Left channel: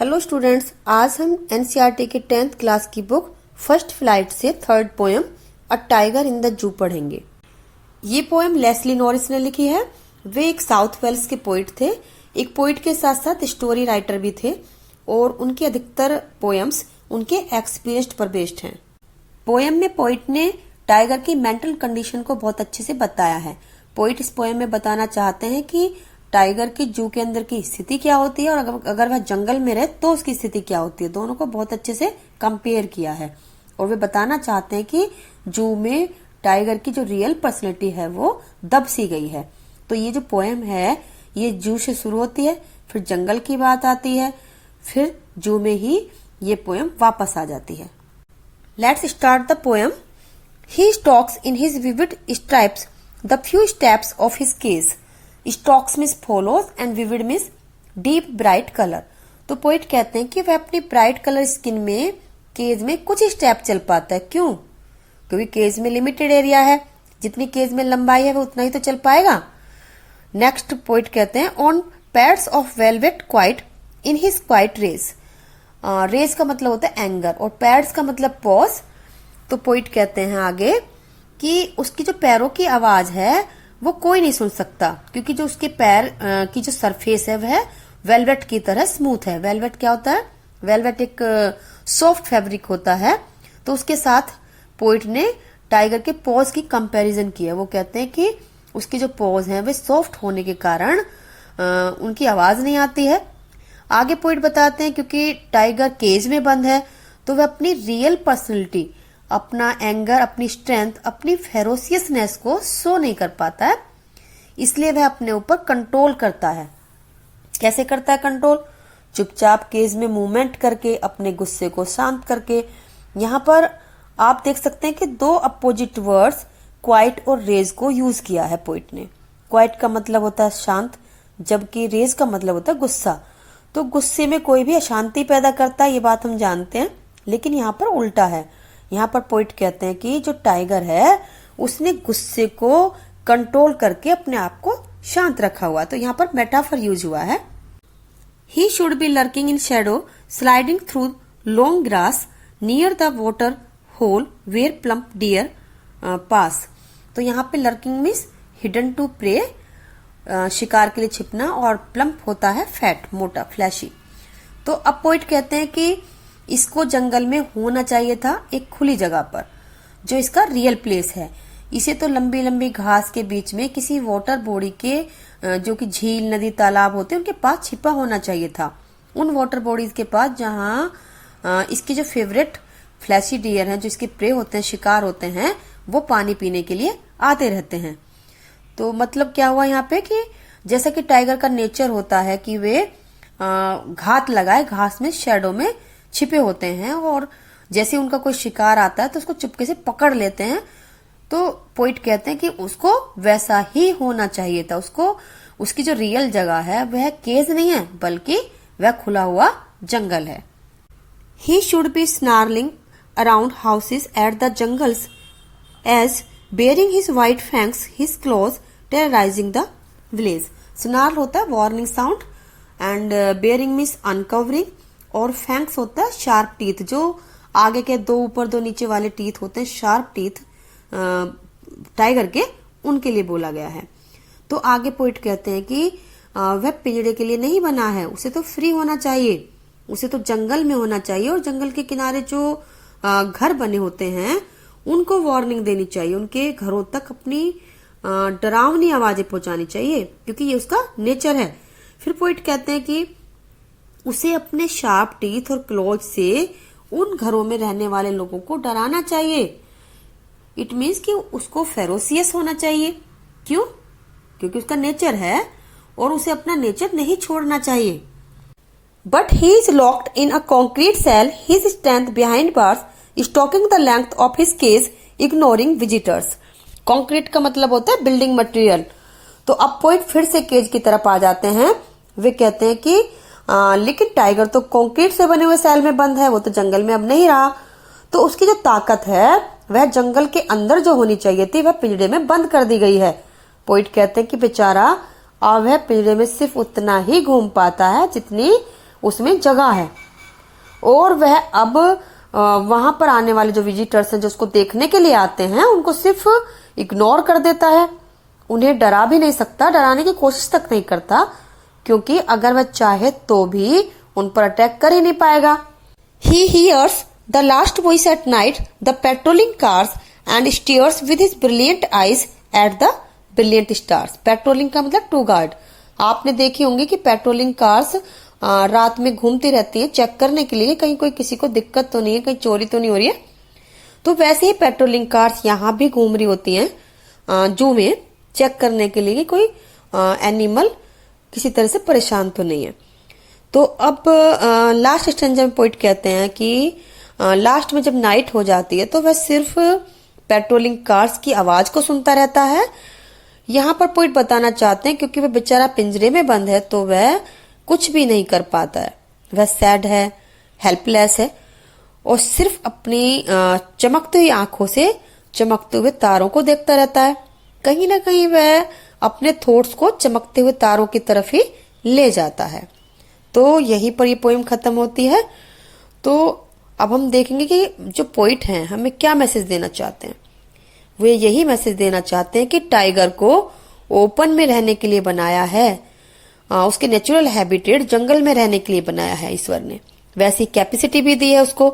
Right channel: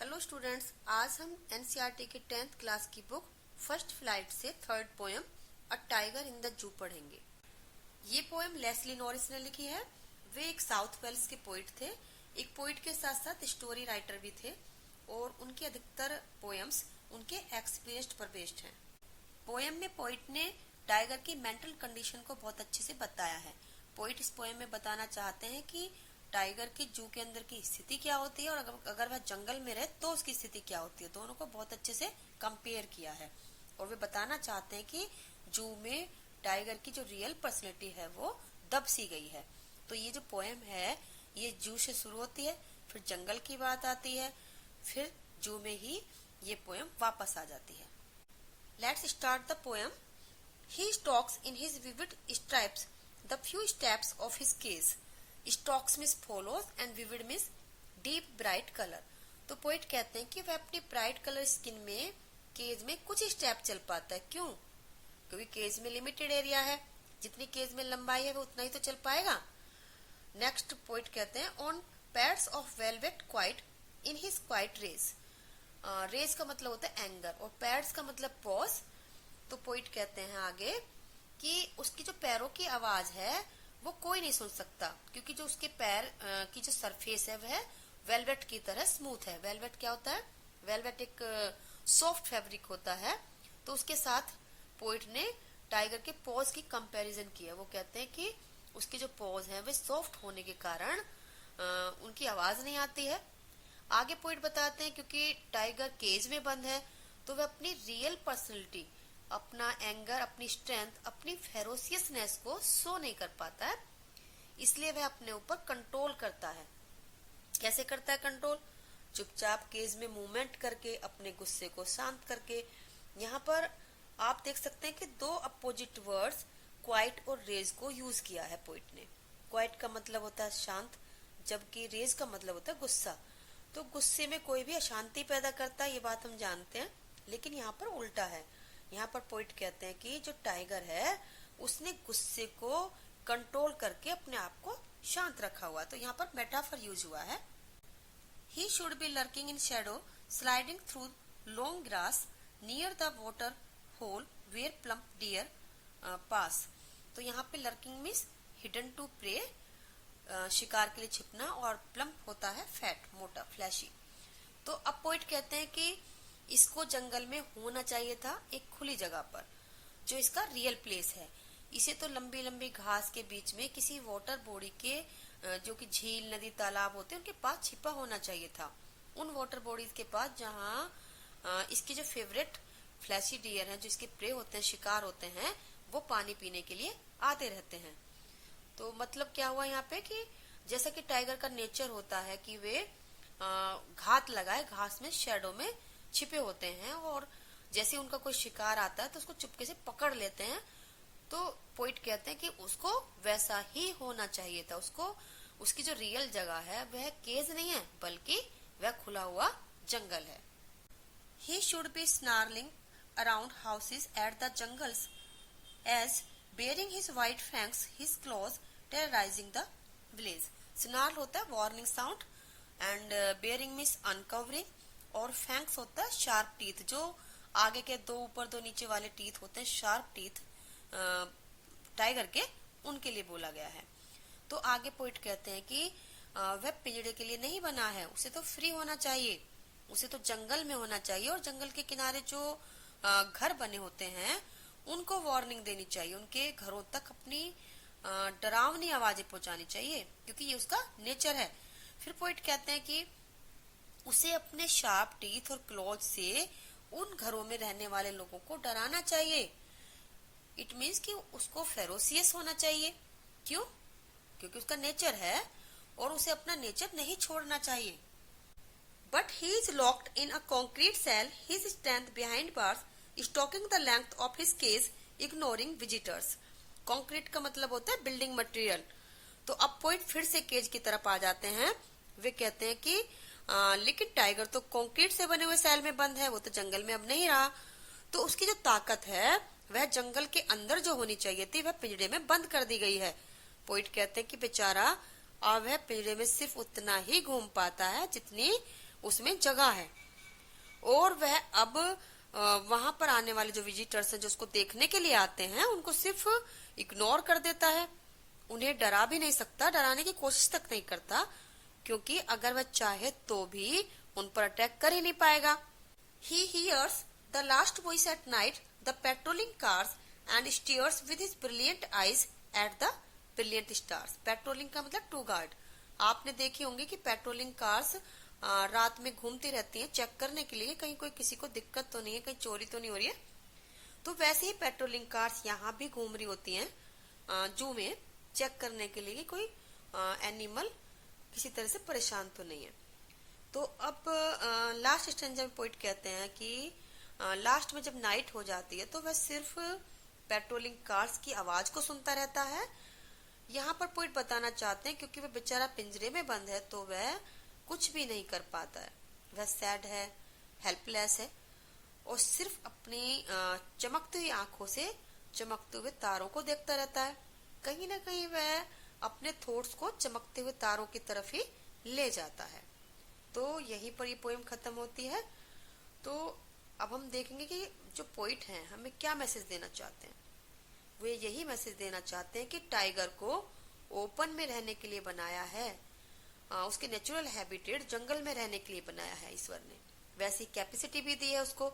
Hello students, आज हम NCERT के 10th क्लास की बुक फर्स्ट फ्लाइट से third poem a tiger in the zoo पढ़ेंगे। ये पोएम लेस्ली नॉरिस ने लिखी है। वे एक साउथ वेल्स के पोइट थे। एक पोइट के साथ साथ स्टोरी राइटर भी थे और उनके अधिकतर पोएम्स उनके एक्सपीरियंस पर बेस्ड हैं। पोएम में पोइट ने टाइगर की मेंटल कंडीशन को बहुत अच्छे से बताया है। पोइट इस पोएम में बताना चाहते हैं कि टाइगर की जू के अंदर की स्थिति क्या होती है और अगर वह जंगल में रहे तो उसकी स्थिति क्या होती है। दोनों को बहुत अच्छे से कंपेयर किया है और वे बताना चाहते हैं कि जू में टाइगर की जो रियल पर्सनैलिटी है वो दब सी गई है। तो ये जो पोएम है ये जू से शुरू होती है, फिर जंगल की बात आती है, फिर जू में ही ये पोएम वापस आ जाती है। Let's start the poem. He stocks in his vivid stripes the few steps of his case. Stocks means follows and vivid means deep bright colour. तो पोइट कहते हैं कि वह अपनी ब्राइट कलर स्किन में केज में कुछ स्टेप चल पाता है। क्यों? क्योंकि केज में लिमिटेड एरिया है, जितनी केज में लंबाई है वो उतना ही तो चल पाएगा। नेक्स्ट पोइट कहते हैं on pads of velvet quiet in his quiet rage. Rage का मतलब होता है एंगर और पैड्स का मतलब पॉज। तो पोइट कहते हैं आगे कि उसकी जो पैरों की आवाज है वो कोई नहीं सुन सकता, क्योंकि जो उसके पैर की जो सरफेस है वह वेलवेट की तरह स्मूथ है। वेलवेट क्या होता है? वेलवेट एक सॉफ्ट फैब्रिक होता है। तो उसके साथ पोइट ने टाइगर के पॉज की कंपैरिजन की है। वो कहते हैं कि उसकी जो पॉज है वे सॉफ्ट होने के कारण उनकी आवाज नहीं आती है। आगे पोइट बताते हैं क्योंकि टाइगर केज में बंद है तो वह अपनी रियल पर्सनैलिटी, अपना एंगर, अपनी स्ट्रेंथ, अपनी फेरोसियसनेस को शो नहीं कर पाता है, इसलिए वह अपने ऊपर कंट्रोल करता है। कैसे करता है कंट्रोल? चुपचाप केज में मूवमेंट करके, अपने गुस्से को शांत करके। यहाँ पर आप देख सकते हैं कि दो अपोजिट वर्ड्स क्वाइट और रेज को यूज किया है पोइट ने। क्वाइट का मतलब होता है शांत, जबकि रेज का मतलब होता है गुस्सा। तो गुस्से में कोई भी अशांति पैदा करता है, ये बात हम जानते हैं, लेकिन यहाँ पर उल्टा है। यहाँ पर पोइट कहते हैं कि जो टाइगर है उसने गुस्से को कंट्रोल करके अपने आप को शांत रखा हुआ। तो यहाँ पर मेटाफर यूज हुआ है। He should be lurking in shadow sliding through long grass near the water hole where plump deer pass. तो यहाँ पे lurking means hidden to prey, शिकार के लिए छिपना, और प्लम्प होता है फैट, मोटा, फ्लैशी। तो अब पोइट कहते हैं कि इसको जंगल में होना चाहिए था एक खुली जगह पर, जो इसका रियल प्लेस है। इसे तो लंबी लंबी घास के बीच में किसी वाटर बॉडी के जो कि झील, नदी, तालाब होते हैं उनके पास छिपा होना चाहिए था। उन वाटर बॉडीज के पास जहाँ इसके जो फेवरेट फ्लैशी डियर हैं, जो इसके प्रे होते हैं, शिकार होते हैं, वो पानी पीने के लिए आते रहते हैं। तो मतलब क्या हुआ यहाँ पे कि जैसा कि टाइगर का नेचर होता है कि वे घात लगाए, घास में, शेडो में छिपे होते हैं, और जैसे उनका कोई शिकार आता है तो उसको चुपके से पकड़ लेते हैं। तो पोइट कहते हैं कि उसको वैसा ही होना चाहिए था। उसको, उसकी जो रियल जगह है वह केज नहीं है, बल्कि वह खुला हुआ जंगल है। He should be snarling around houses at the jungle's edge baring his white fangs his claws terrorising the village. Snarl होता है warning sound, and baring means uncovering, और फैंक्स होता है शार्प टीथ, जो आगे के दो ऊपर दो नीचे वाले टीथ होते हैं, शार्प टीथ टाइगर के, उनके लिए बोला गया है। तो आगे पोइट कहते हैं कि वह पिंजड़े के लिए नहीं बना है, उसे तो फ्री होना चाहिए, उसे तो जंगल में होना चाहिए, और जंगल के किनारे जो घर बने होते हैं उनको वार्निंग देनी चाहिए, उनके घरों तक अपनी डरावनी आवाजें पहुंचानी चाहिए, क्योंकि ये उसका नेचर है। फिर पोइट कहते हैं कि उसे अपने शार्प टीथ और क्लोज से उन घरों में रहने वाले लोगों को डराना चाहिए। इट मीन्स कि उसको फेरोसियस होना चाहिए। क्यों? क्योंकि उसका नेचर है और उसे अपना नेचर नहीं छोड़ना चाहिए। But he is locked in a concrete cell, his strength behind bars, stalking the length of his cage, ignoring visitors. Concrete का मतलब होता है बिल्डिंग मटेरियल। तो अब पोइट फिर से केज की तरफ आ जाते हैं। वे कहते हैं कि लेकिन टाइगर तो कंक्रीट से बने हुए सेल में बंद है, वो तो जंगल में अब नहीं रहा। तो उसकी जो ताकत है वह जंगल के अंदर जो होनी चाहिए थी वह पिंजड़े में बंद कर दी गई है। पोइट कहते हैं कि बेचारा अब वह पिंजड़े में सिर्फ उतना ही घूम पाता है जितनी उसमें जगह है और वह अब वहां पर आने वाले जो विजिटर्स हैं जो उसको देखने के लिए आते हैं उनको सिर्फ इग्नोर कर देता है, उन्हें डरा भी नहीं सकता, डराने की कोशिश तक नहीं करता, क्योंकि अगर वह चाहे तो भी उन पर अटैक कर ही नहीं पाएगा। He hears the last voice at night, the patrolling cars, and stares with his brilliant eyes at the brilliant stars. Patrolling का मतलब टू गार्ड। आपने देखी होंगी कि पेट्रोलिंग कार्स रात में घूमती रहती हैं चेक करने के लिए कहीं कोई किसी को दिक्कत तो नहीं है, कहीं चोरी तो नहीं हो रही है। तो वैसे ही पेट्रोलिंग कार्स यहाँ भी घूम रही होती हैं जू में चेक करने के लिए कि कोई एनिमल किसी तरह से परेशान तो नहीं है। तो अब लास्ट स्टेंजा में पोइट कहते हैं कि लास्ट में जब नाइट हो जाती है तो वह सिर्फ पेट्रोलिंग कार्स की आवाज को सुनता रहता है। यहाँ पर पोइट बताना चाहते हैं क्योंकि वह बेचारा पिंजरे में बंद है तो वह कुछ भी नहीं कर पाता है, वह सैड है, हेल्पलेस है और सिर्फ अपनी चमकती हुई आंखों से चमकते हुए तारों को देखता रहता है। कहीं ना कहीं वह अपने थॉट्स को चमकते हुए तारों की तरफ ही ले जाता है। तो यहीं पर ये पोएम खत्म होती है। तो अब हम देखेंगे कि जो पोइट हैं हमें क्या मैसेज देना चाहते हैं। वे यही मैसेज देना चाहते हैं कि टाइगर को ओपन में रहने के लिए बनाया है, उसके नेचुरल हैबिटेट जंगल में रहने के लिए बनाया है ईश्वर ने, वैसी कैपेसिटी भी दी है उसको।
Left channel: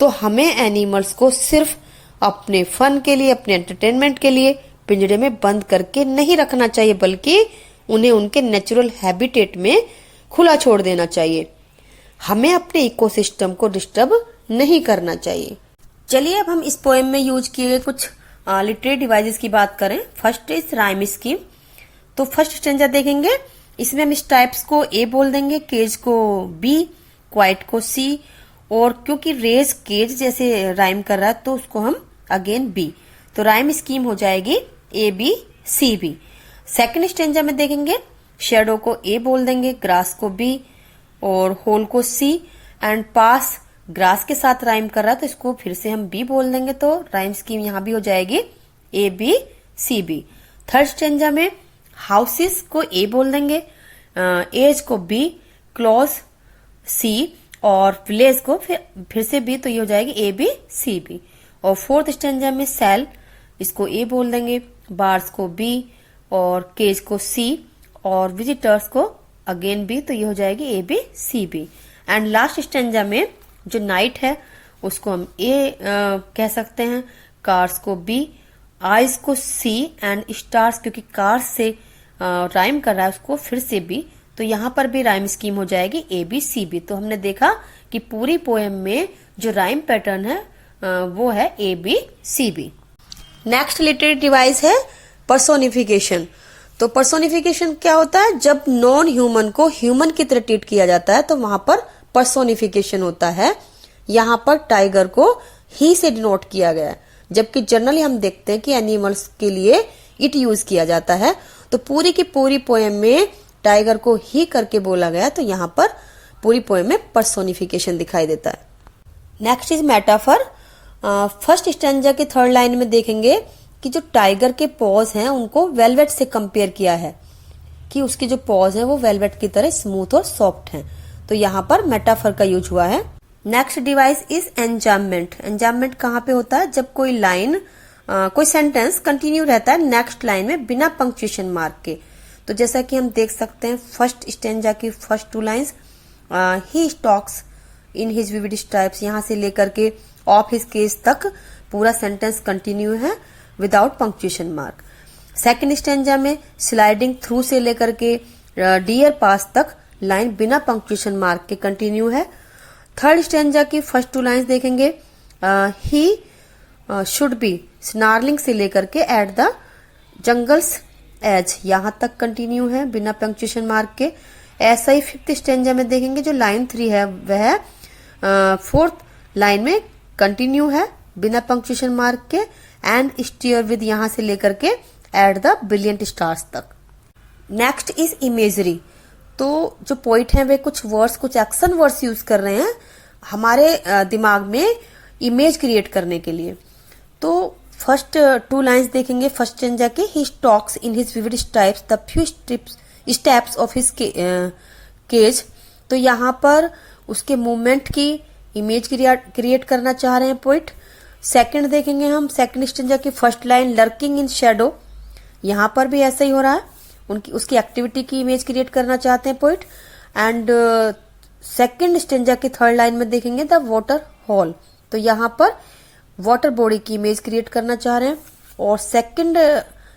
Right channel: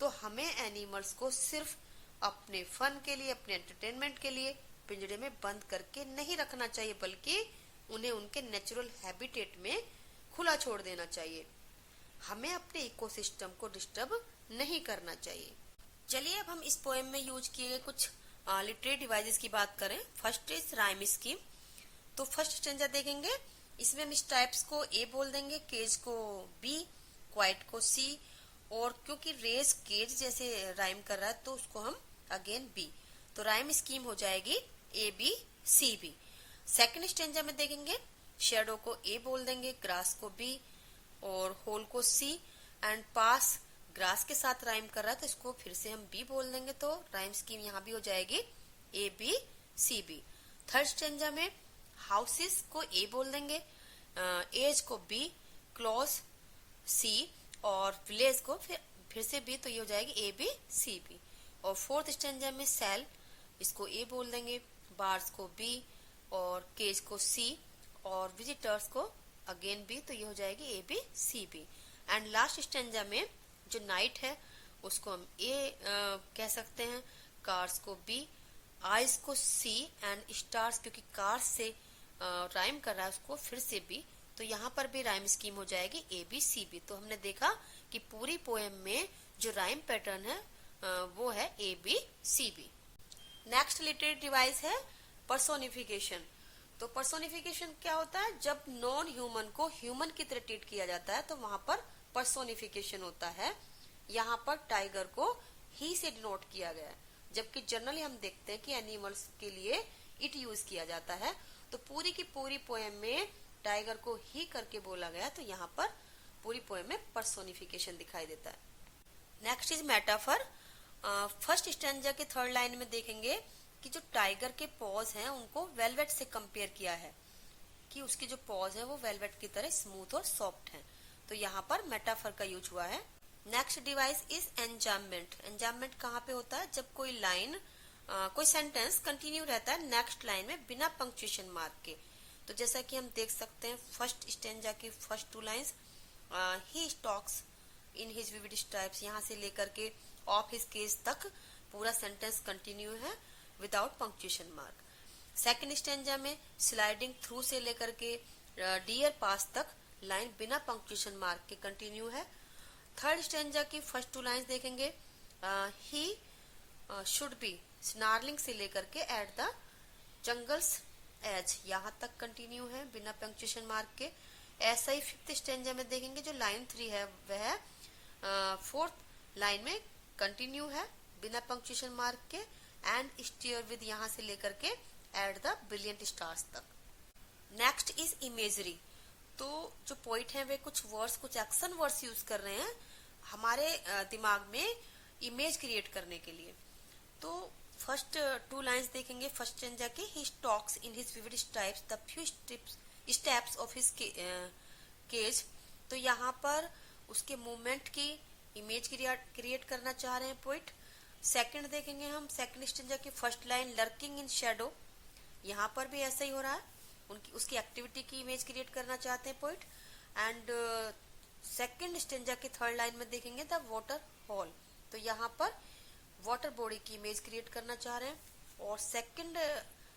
तो हमें एनिमल्स को सिर्फ अपने फन के लिए, अपने एंटरटेनमेंट के लिए पिंजरे में बंद करके नहीं रखना चाहिए, बल्कि उन्हें उनके नेचुरल हैबिटेट में खुला छोड़ देना चाहिए। हमें अपने इकोसिस्टम को डिस्टर्ब नहीं करना चाहिए। चलिए अब हम इस पोएम में यूज किए गए कुछ लिटरेरी डिवाइसेस की बात करें। First is rhyme scheme. तो फर्स्ट स्टेंजा देखेंगे, इसमें हम स्टाइप्स को ए बोल देंगे, केज को बी, क्वाइट को सी, और क्योंकि रेज केज जैसे राइम कर रहा है तो उसको हम अगेन बी। तो राइम स्कीम हो जाएगी A B C B. Second stanza में देखेंगे, शेडो को ए बोल देंगे, ग्रास को बी और होल को सी, एंड पास ग्रास के साथ राइम कर रहा है तो इसको फिर से हम बी बोल देंगे। तो राइम स्कीम यहाँ भी हो जाएगी A B C B. Third stanza में हाउसेस को ए बोल देंगे, एज को बी, क्लॉज सी और विलेज को फिर से बी, तो ये हो जाएगी ए बी सी बी। और फोर्थ स्टेंजा में सेल, इसको ए बोल देंगे, बार्स को बी और केज को सी और विजिटर्स को अगेन बी, तो ये हो जाएगी A B C B. And last stanza में जो नाइट है उसको हम ए कह सकते हैं, कार्स को बी, आइज को सी एंड स्टार्स क्योंकि कार्स से राइम कर रहा है उसको फिर से बी, तो यहाँ पर भी राइम स्कीम हो जाएगी ए बी सी बी। तो हमने देखा कि पूरी पोएम में जो राइम पैटर्न है वो है A B C B. Next literary device है पर्सोनिफिकेशन। तो पर्सोनिफिकेशन क्या होता है, जब नॉन ह्यूमन को ह्यूमन की तरह ट्रीट किया जाता है तो वहां पर पर्सोनिफिकेशन होता है। यहाँ पर टाइगर को ही से डिनोट किया गया है, जबकि जनरली हम देखते हैं कि एनिमल्स के लिए इट यूज किया जाता है। तो पूरी की पूरी पोएम में टाइगर को ही करके बोला गया, तो यहाँ पर पूरी पोएम में पर्सोनिफिकेशन दिखाई देता है। Next is metaphor. First stanza के थर्ड लाइन में देखेंगे कि जो टाइगर के पॉज हैं उनको वेलवेट से कंपेयर किया है, कि उसकी जो पॉज है वो वेलवेट की तरह स्मूथ और सॉफ्ट हैं। तो यहाँ पर मेटाफर का यूज हुआ है। Next device is enjambment. Enjambment कहाँ पे होता है, जब कोई लाइन कोई सेंटेंस कंटिन्यू रहता है नेक्स्ट लाइन में बिना पंक्चुएशन मार्क के। तो जैसा कि हम देख सकते हैं फर्स्ट स्टेंजा की first two lines, he stalks in his vivid stripes, यहाँ से लेकर के ऑफ हिज केस तक पूरा सेंटेंस कंटिन्यू है without punctuation mark. Second stanza में स्लाइडिंग थ्रू से लेकर के डियर पास तक लाइन बिना पंक्चुएशन मार्क के कंटिन्यू है। थर्ड स्टेंजा की फर्स्ट टू लाइंस देखेंगे, ही शुड बी स्नार्लिंग से लेकर के एट द जंगल्स एज, यहाँ तक कंटिन्यू है बिना पंक्चुएशन मार्क के। ऐसा ही फिफ्थ स्टेंजा में देखेंगे जो लाइन 3 है वह फोर्थ लाइन में कंटिन्यू है बिना पंक्चुएशन मार्क के, एंड स्टीयर विद यहाँ से लेकर के एट द ब्रिलियंट स्टार्स तक। Next is imagery. तो जो पोइट हैं वे कुछ वर्ड्स, कुछ एक्शन वर्ड्स यूज कर रहे हैं हमारे दिमाग में इमेज क्रिएट करने के लिए। तो फर्स्ट टू लाइंस देखेंगे फर्स्ट स्टेंजा के, he stalks in his vivid stripes the few steps of his cage. तो यहाँ पर उसके मूवमेंट की इमेज क्रिएट करना चाह रहे हैं पोइट। सेकंड देखेंगे हम, सेकंड स्टेंजा की first line lurking in shadow, यहाँ पर भी ऐसा ही हो रहा है, उसकी एक्टिविटी की इमेज क्रिएट करना चाहते हैं पोइट। एंड सेकंड स्टेंजा की थर्ड लाइन में देखेंगे द वाटर हॉल, तो यहाँ पर वाटर बॉडी की इमेज क्रिएट करना चाह रहे हैं। और सेकंड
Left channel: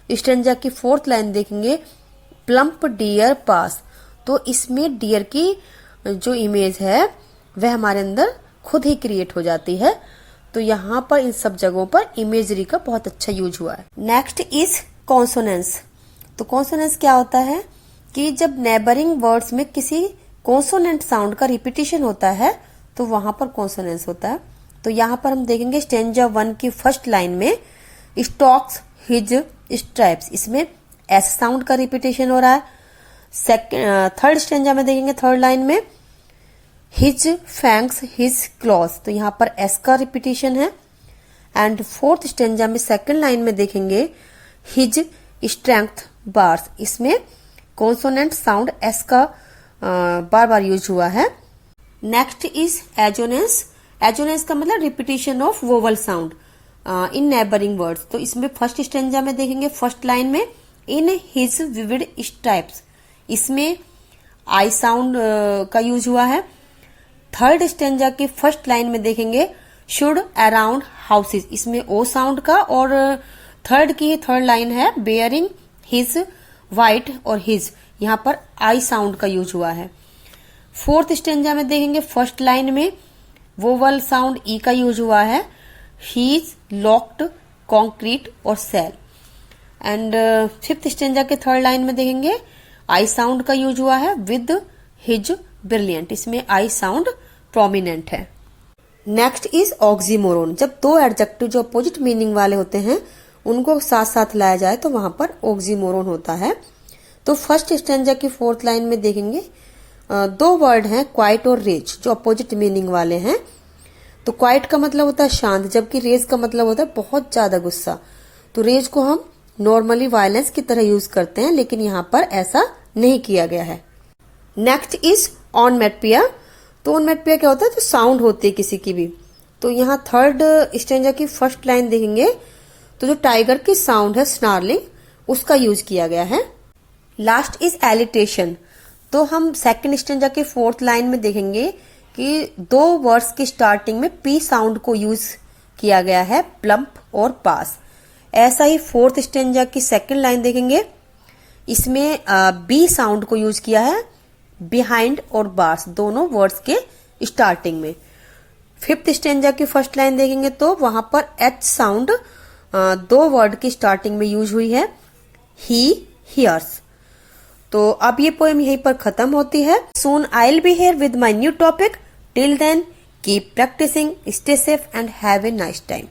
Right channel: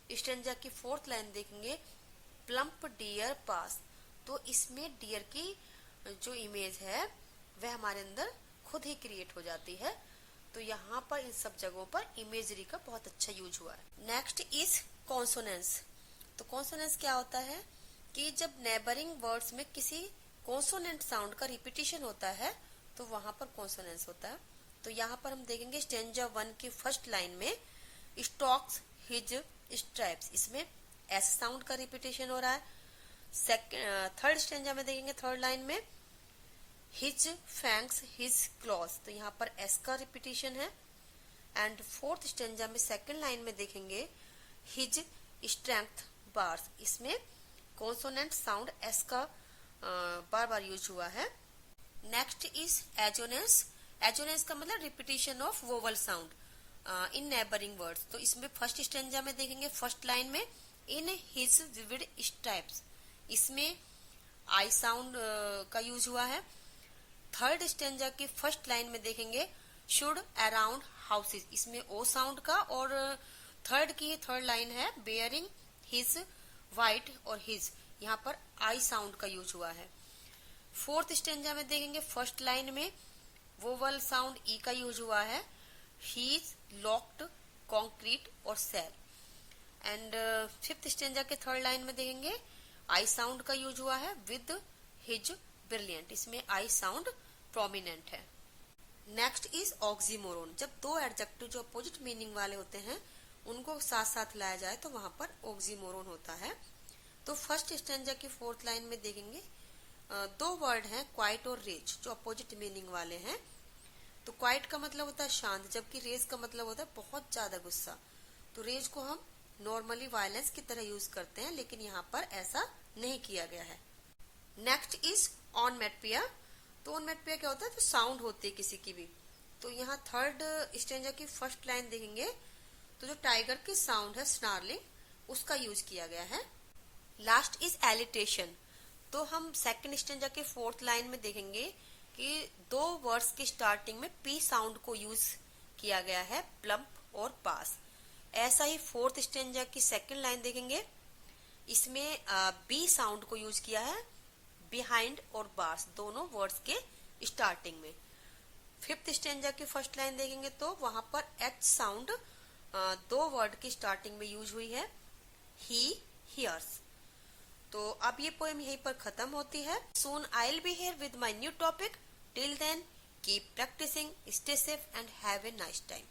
स्टेंजा की फोर्थ लाइन देखेंगे प्लम्प डियर पास, तो इसमें डियर की जो इमेज है वह हमारे अंदर खुद ही क्रिएट हो जाती है। तो यहाँ पर इन सब जगहों पर इमेजरी का बहुत अच्छा यूज हुआ है। Next is consonance. तो कॉन्सोनेंस क्या होता है कि जब नेबरिंग वर्ड्स में किसी कॉन्सोनेंट साउंड का रिपीटिशन होता है तो वहां पर कॉन्सोनेंस होता है। तो यहाँ पर हम देखेंगे स्टेंजा 1 की फर्स्ट लाइन में स्टॉक्स हिज स्ट्रैप्स, इसमें एस साउंड का रिपीटेशन हो रहा है। थर्ड स्टेंजा में देखेंगे थर्ड लाइन में हिज फैंक्स हिज क्लॉज, तो यहाँ पर एस का रिपीटेशन है। एंड फोर्थ स्टेंजा में सेकंड लाइन में देखेंगे हिज स्ट्रेंथ बार्स, इसमें कॉन्सोनेंट साउंड एस का बार बार यूज हुआ है। Next is assonance. एजोनेंस का मतलब repetition of vowel sound in neighbouring words. तो इसमें फर्स्ट स्टेंजा में देखेंगे फर्स्ट लाइन में इन हिज विविड स्ट्राइप्स, इसमें आई साउंड का यूज हुआ है। थर्ड स्टेंजा की फर्स्ट लाइन में देखेंगे शुड अराउंड हाउसेस, इसमें ओ साउंड का। और थर्ड लाइन है बेयरिंग हिज वाइट और हिज, यहाँ पर आई साउंड का यूज हुआ है। फोर्थ स्टेंजा में देखेंगे फर्स्ट लाइन में वोवल साउंड ई का यूज हुआ है, हीज लॉक्ड कॉन्क्रीट और सेल। एंड फिफ्थ स्टेंजा के थर्ड लाइन में देखेंगे आई साउंड का यूज हुआ है विद हिज ब्रिलियंट, इसमें आई साउंड प्रोमिनेंट है। Next is oxymoron. जब दो एडजेक्टिव जो अपोजिट मीनिंग वाले होते हैं उनको साथ साथ लाया जाए तो वहां पर ऑक्सीमोरोन होता है। तो फर्स्ट स्टेंजा की फोर्थ लाइन में देखेंगे दो वर्ड हैं क्वाइट और रेज जो अपोजिट मीनिंग वाले हैं। तो क्वाइट का मतलब होता है शांत, जबकि रेज का मतलब होता है बहुत ज्यादा गुस्सा। तो रेज को हम नॉर्मली वायलेंस की तरह यूज करते हैं, लेकिन यहाँ पर ऐसा नहीं किया गया है। Next is onomatopoeia. तो ऑनमेटपिया क्या होता है, तो साउंड होती है किसी की भी। तो यहाँ थर्ड स्टेंजा की फर्स्ट लाइन देखेंगे तो जो टाइगर की साउंड है स्नार्लिंग, उसका यूज किया गया है। Last is alliteration. तो हम सेकंड स्टेंजा के फोर्थ लाइन में देखेंगे कि दो वर्ड्स की स्टार्टिंग में पी साउंड को यूज किया गया है, प्लम्प और पास। ऐसा ही फोर्थ स्टेंजा की सेकंड लाइन देखेंगे, इसमें बी साउंड को यूज किया है बिहाइंड और बार्स दोनों वर्ड्स के स्टार्टिंग में। फिफ्थ स्टेंजा की फर्स्ट लाइन देखेंगे तो वहां पर एच साउंड दो वर्ड की स्टार्टिंग में यूज हुई है, ही हियर्स। तो अब ये पोएम यहीं पर खत्म होती है। Soon I will be here with my new topic. Till then keep practising, stay safe and have a nice time.